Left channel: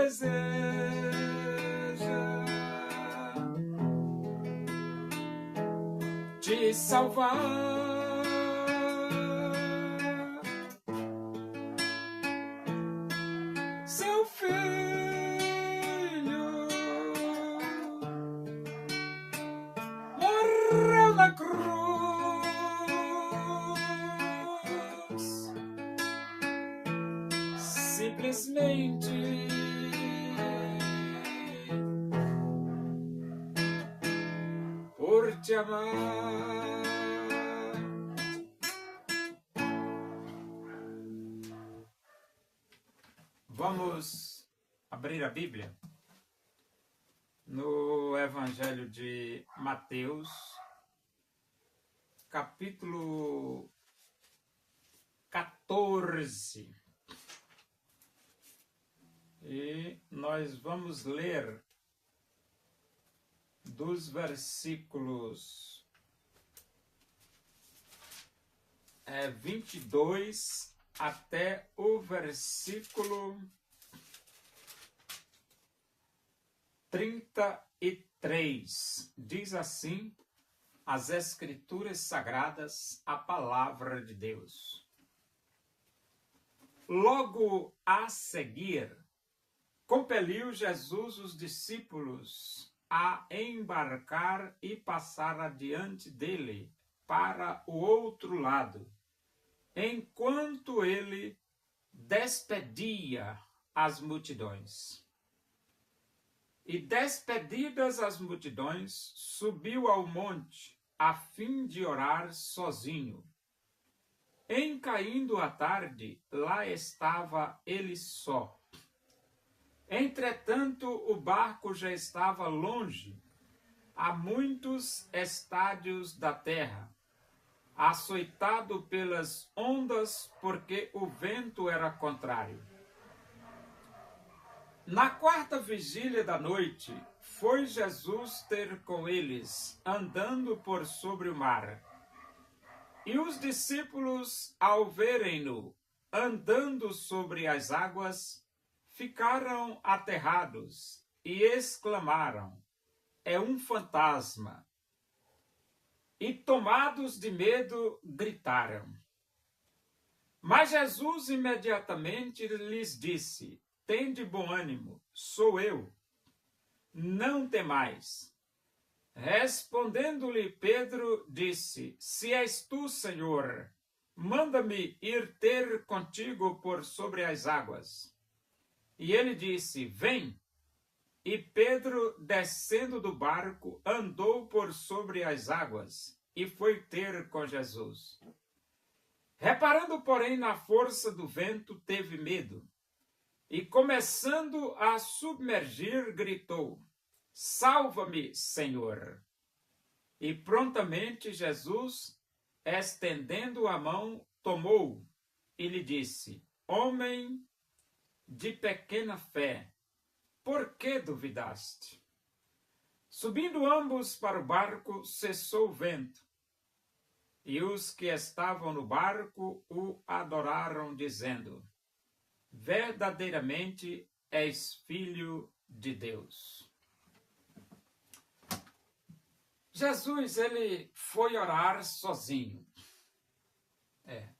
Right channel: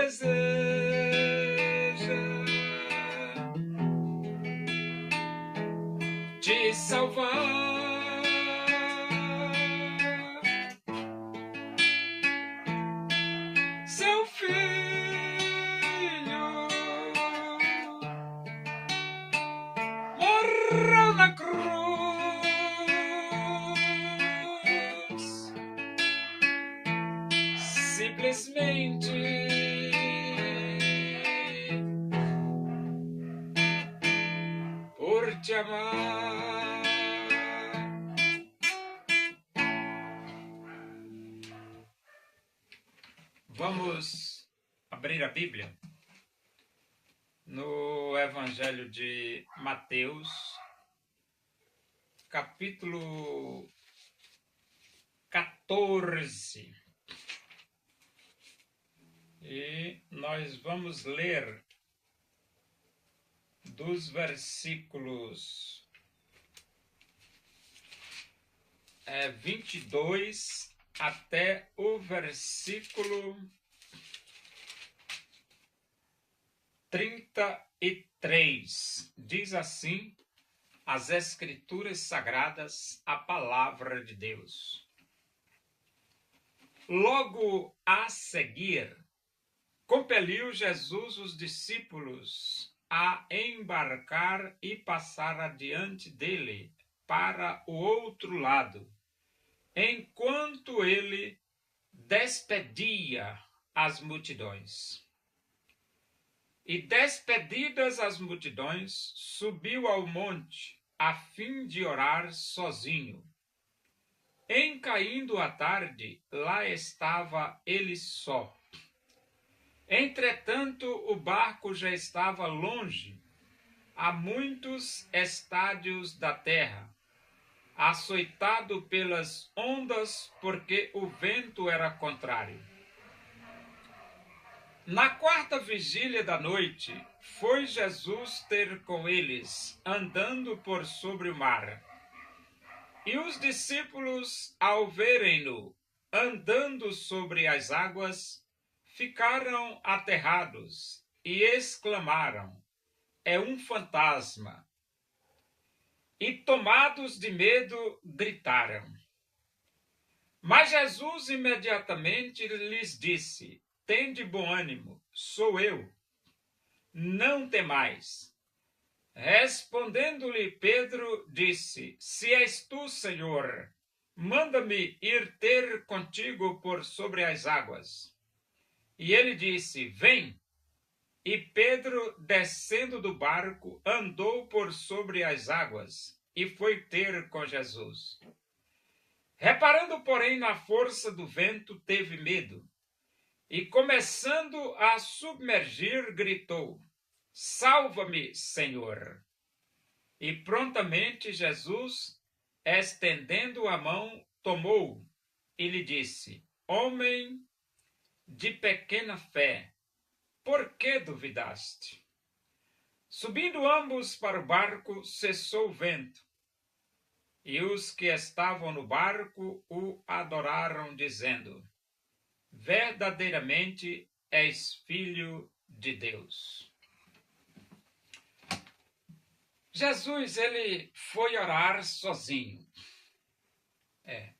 deseja te salvar. Seu filho morreu na cruz, simplesmente por te amar. Vamos abrir a Bíblia no Evangelho de Mateus, capítulo 14. E nós vamos ler dos versículos 22 até o versículo 33. Diz assim as Escrituras Sagradas, a Palavra de Deus. Logo a seguir, compeliu Jesus os discípulos a embarcar e passar adiante dele para o outro lado, enquanto ele despedia as multidões. E despedidas as multidões, subiu ao monte, a fim de orar sozinho. Em caindo a tarde, lá estava ele só. Entretanto, o barco já estava longe, a muitos estádios da terra, açoitado pelas ondas, porque o vento era contrário. Na quarta vigília da noite, foi Jesus ter com eles, andando por sobre o mar. E os discípulos, ao verem-no andando sobre as águas, ficaram aterrados e exclamaram: é um fantasma. E tomados de medo, gritaram. Mas Jesus imediatamente lhes disse: tende bom ânimo, sou eu, não temais. Respondendo-lhe Pedro, disse: se és tu, Senhor, manda-me ir ter contigo por sobre as águas. E ele disse: vem. E Pedro, descendo do barco, andou por sobre as águas e foi ter com Jesus. Reparando, porém, na força do vento, teve medo. E começando a submergir, gritou: salva-me, Senhor! E prontamente Jesus, estendendo a mão, tomou-o e lhe disse: homem de pequena fé, por que duvidaste? Subindo ambos para o barco, cessou o vento. E os que estavam no barco o adoraram, dizendo: verdadeiramente és filho de Deus. Jesus, ele foi orar sozinho.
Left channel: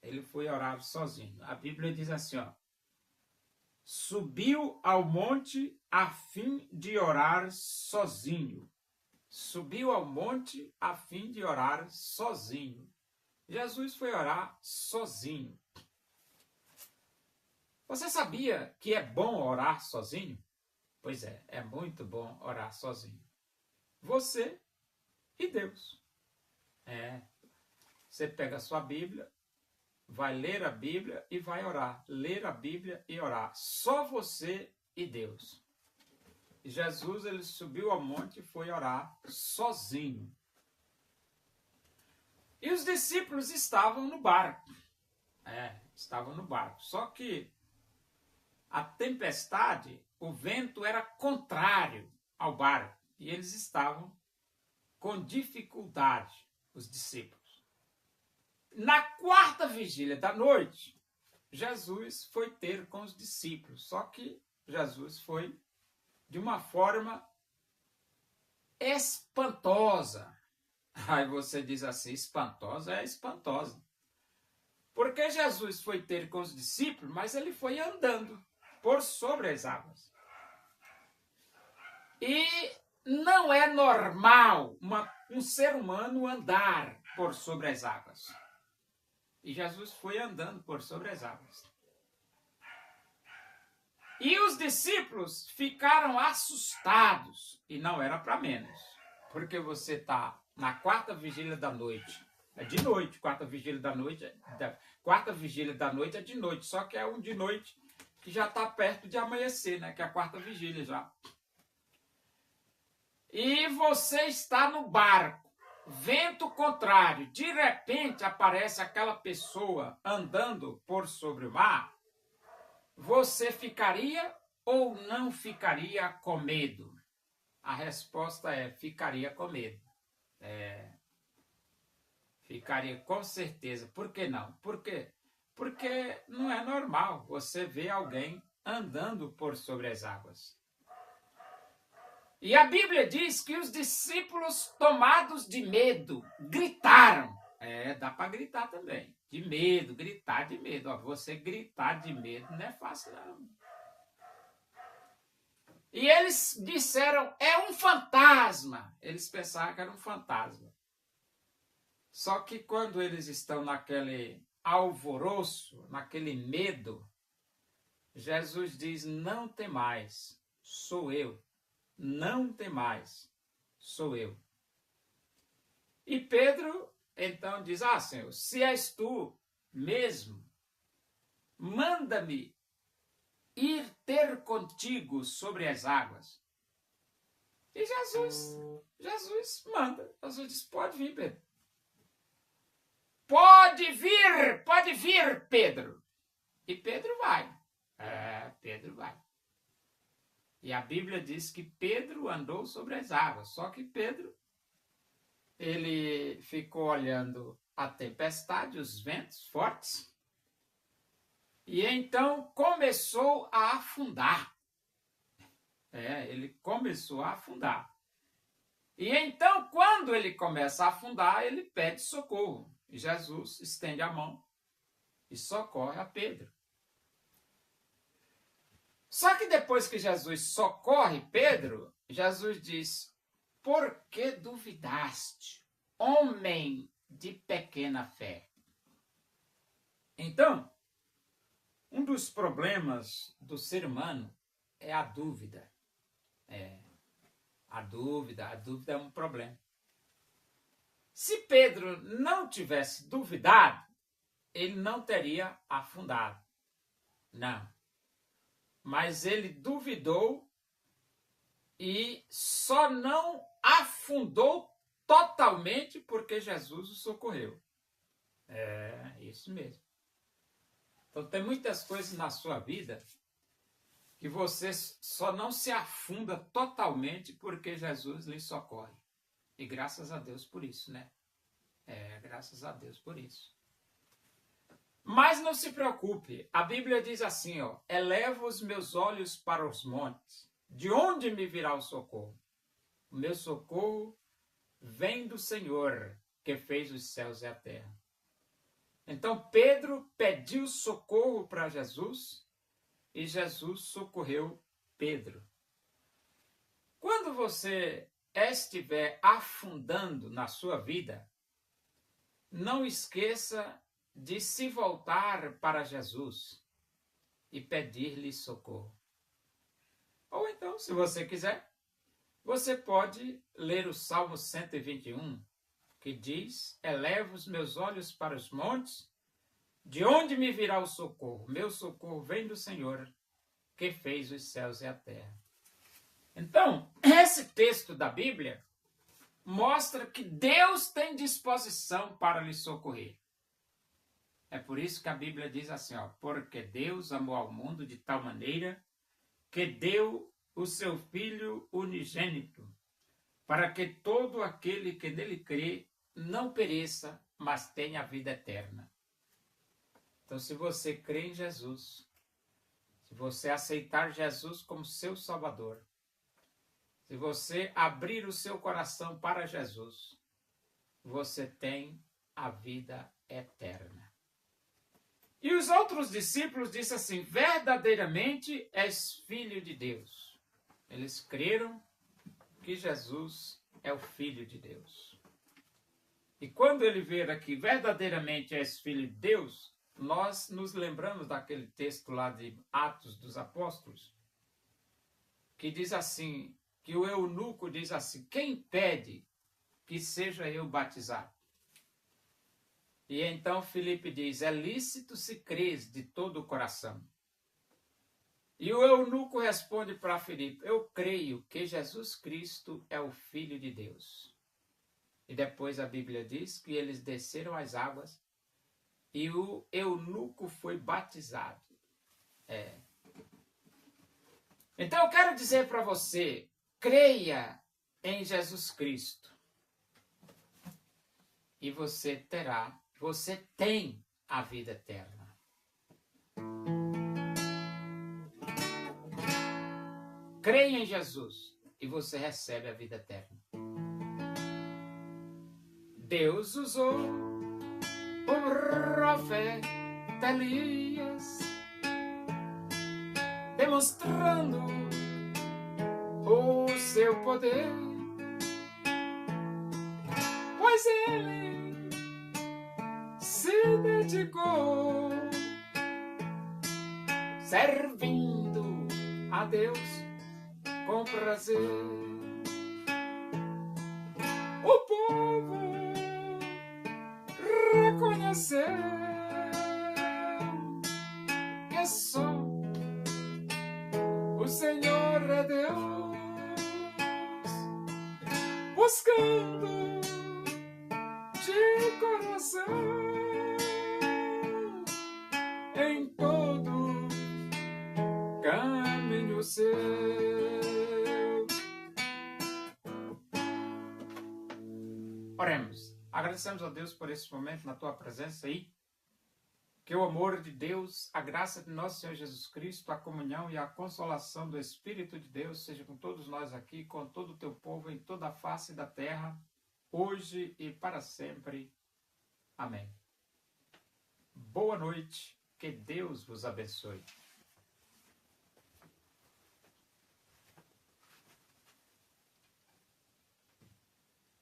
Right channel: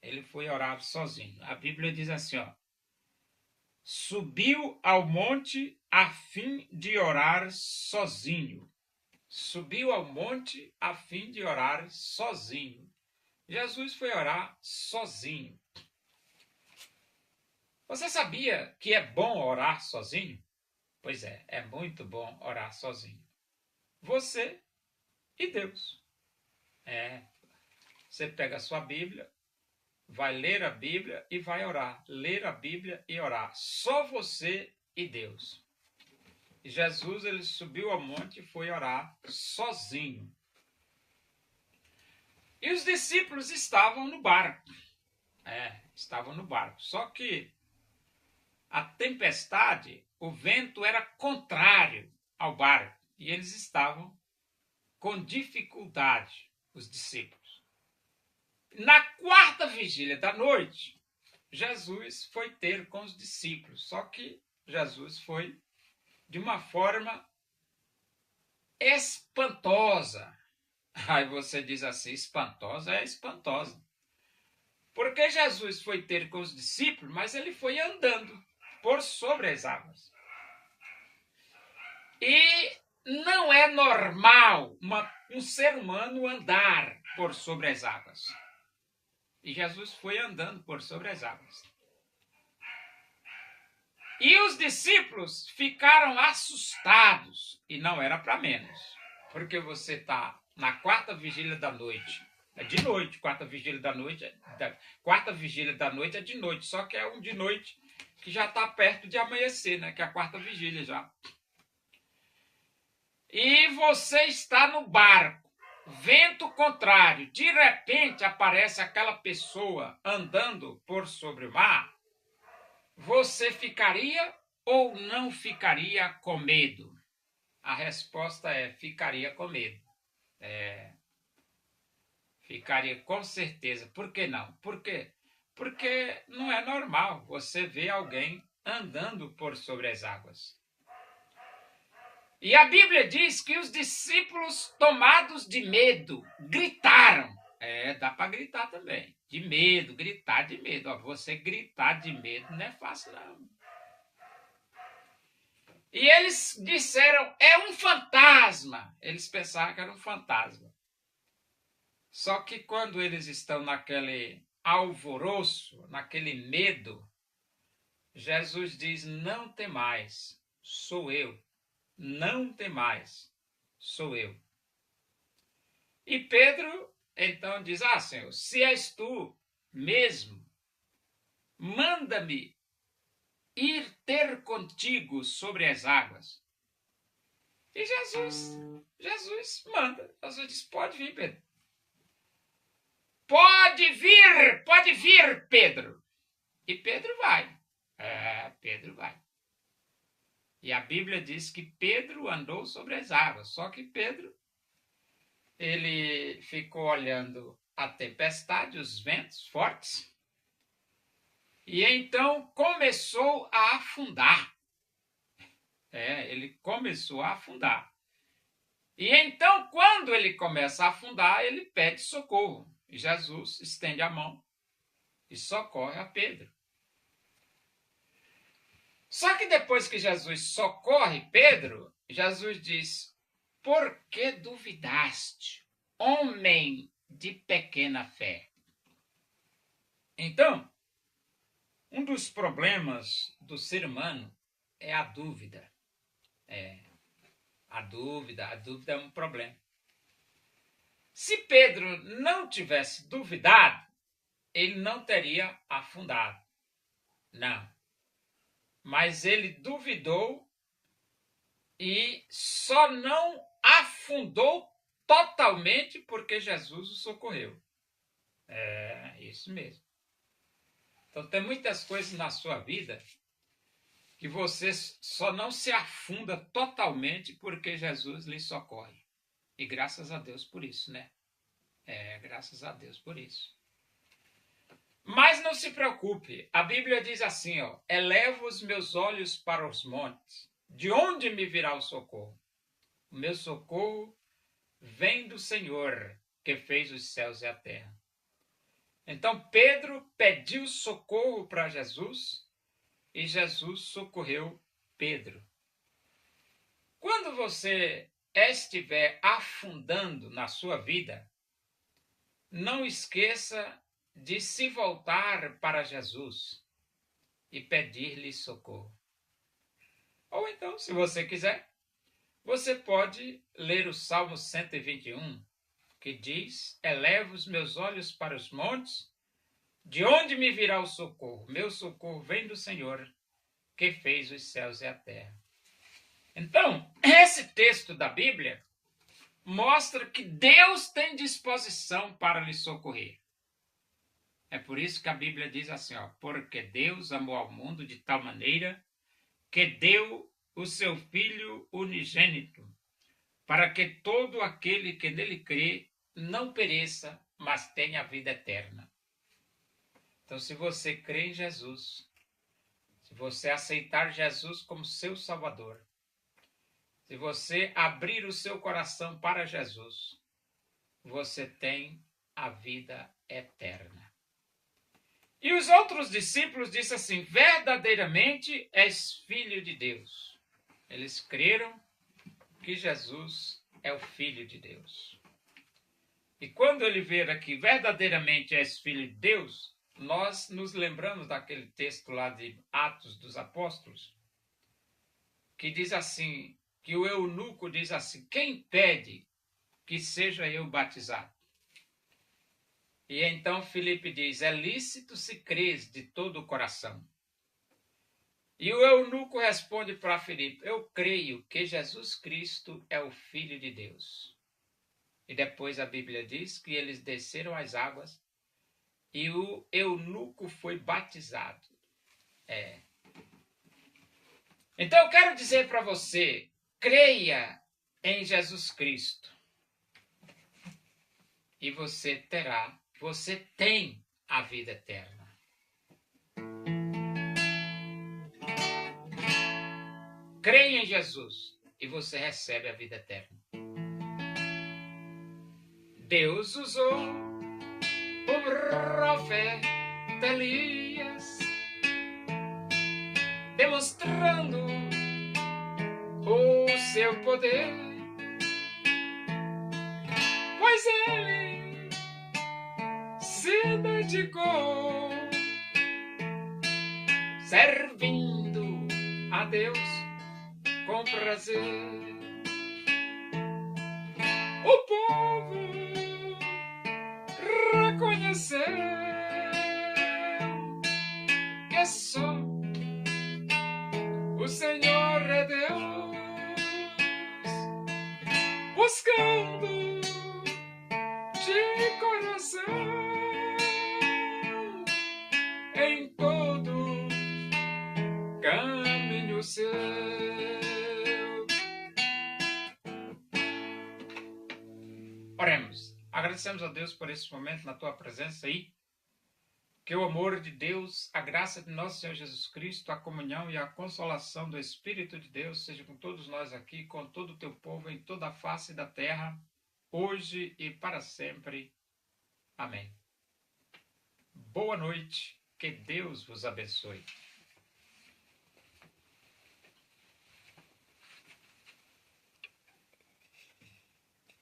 Ele foi orar sozinho. A Bíblia diz assim, subiu ao monte a fim de orar sozinho. Subiu ao monte a fim de orar sozinho. Jesus foi orar sozinho. Você sabia que é bom orar sozinho? Pois é muito bom orar sozinho. Você e Deus. Você pega a sua Bíblia, vai ler a Bíblia e vai orar. Ler a Bíblia e orar. Só você e Deus. E Jesus, ele subiu ao monte e foi orar sozinho. E os discípulos estavam no barco. Estavam no barco. Só que a tempestade, o vento era contrário ao barco. E eles estavam com dificuldade, os discípulos. Na quarta vigília da noite, Jesus foi ter com os discípulos. Só que Jesus foi de uma forma espantosa. Aí você diz assim, espantosa? É espantosa. Porque Jesus foi ter com os discípulos, mas ele foi andando por sobre as águas. E não é normal um ser humano andar por sobre as águas. E Jesus foi andando por sobre as águas. E os discípulos ficaram assustados. E não era para menos. Porque você está na quarta vigília da noite. É de noite, quarta vigília da noite. Quarta vigília da noite é de noite. Só que é um de noite que já está perto de amanhecer, né? Que é a quarta vigília já. E você está no barco. Vento contrário. De repente aparece aquela pessoa andando por sobre o mar. Você ficaria ou não ficaria com medo? A resposta é: ficaria com medo. Ficaria com certeza. Por que não? Por quê? Porque não é normal você ver alguém andando por sobre as águas. E a Bíblia diz que os discípulos, tomados de medo, gritaram. Dá para gritar também. De medo, gritar de medo. Ó, você gritar de medo não é fácil, não. E eles disseram, é um fantasma. Eles pensavam que era um fantasma. Só que quando eles estão naquele alvoroço, naquele medo, Jesus diz, não temais, sou eu. Não temais, sou eu. E Pedro, então, diz, Senhor, se és tu mesmo, manda-me ir ter contigo sobre as águas. E Jesus manda. Jesus diz, pode vir, Pedro. Pode vir, Pedro. E Pedro vai. Pedro vai. E a Bíblia diz que Pedro andou sobre as águas. Só que Pedro, ele ficou olhando a tempestade, os ventos fortes. E então começou a afundar. Ele começou a afundar. E então, quando ele começa a afundar, ele pede socorro. E Jesus estende a mão e socorre a Pedro. Só que depois que Jesus socorre Pedro, Jesus diz, por que duvidaste, homem de pequena fé? Então, um dos problemas do ser humano é a dúvida. A dúvida é um problema. Se Pedro não tivesse duvidado, ele não teria afundado. Não. Mas ele duvidou e só não afundou totalmente porque Jesus o socorreu. Isso mesmo. Então tem muitas coisas na sua vida que você só não se afunda totalmente porque Jesus lhe socorre. E graças a Deus por isso, né? Graças a Deus por isso. Mas não se preocupe, a Bíblia diz assim, elevo os meus olhos para os montes, de onde me virá o socorro? O meu socorro vem do Senhor, que fez os céus e a terra. Então Pedro pediu socorro para Jesus e Jesus socorreu Pedro. Quando você estiver afundando na sua vida, não esqueça de se voltar para Jesus e pedir-lhe socorro. Ou então, se você quiser, você pode ler o Salmo 121, que diz, eleva os meus olhos para os montes, de onde me virá o socorro? Meu socorro vem do Senhor, que fez os céus e a terra. Então, esse texto da Bíblia mostra que Deus tem disposição para lhe socorrer. É por isso que a Bíblia diz assim, porque Deus amou ao mundo de tal maneira que deu o seu Filho unigênito, para que todo aquele que nele crê não pereça, mas tenha a vida eterna. Então, se você crê em Jesus, Se você aceitar Jesus como seu Salvador, se você abrir o seu coração para Jesus, você tem a vida eterna. E os outros discípulos disseram assim: verdadeiramente és filho de Deus. Eles creram que Jesus é o Filho de Deus. E quando ele vê aqui, verdadeiramente és filho de Deus, nós nos lembramos daquele texto lá de Atos dos Apóstolos, que diz assim, que o eunuco diz assim: quem pede que seja eu batizado? E então Filipe diz: é lícito se crês de todo o coração. E o eunuco responde para Filipe: eu creio que Jesus Cristo é o Filho de Deus. E depois a Bíblia diz que eles desceram as águas e o eunuco foi batizado. Então eu quero dizer para você, creia em Jesus Cristo. E você tem a vida eterna. Creia em Jesus e você recebe a vida eterna. Deus usou o profeta Elias, demonstrando o seu poder, pois ele se dedicou servindo a Deus com prazer. O povo reconheceu que só o Senhor é Deus, buscando de coração em todo caminho seu. Oremos. Agradecemos a Deus por esse momento na tua presença aí. Que o amor de Deus, a graça de nosso Senhor Jesus Cristo, a comunhão e a consolação do Espírito de Deus seja com todos nós aqui, com todo o teu povo em toda a face da terra, hoje e para sempre. Amém. Boa noite, que Deus vos abençoe.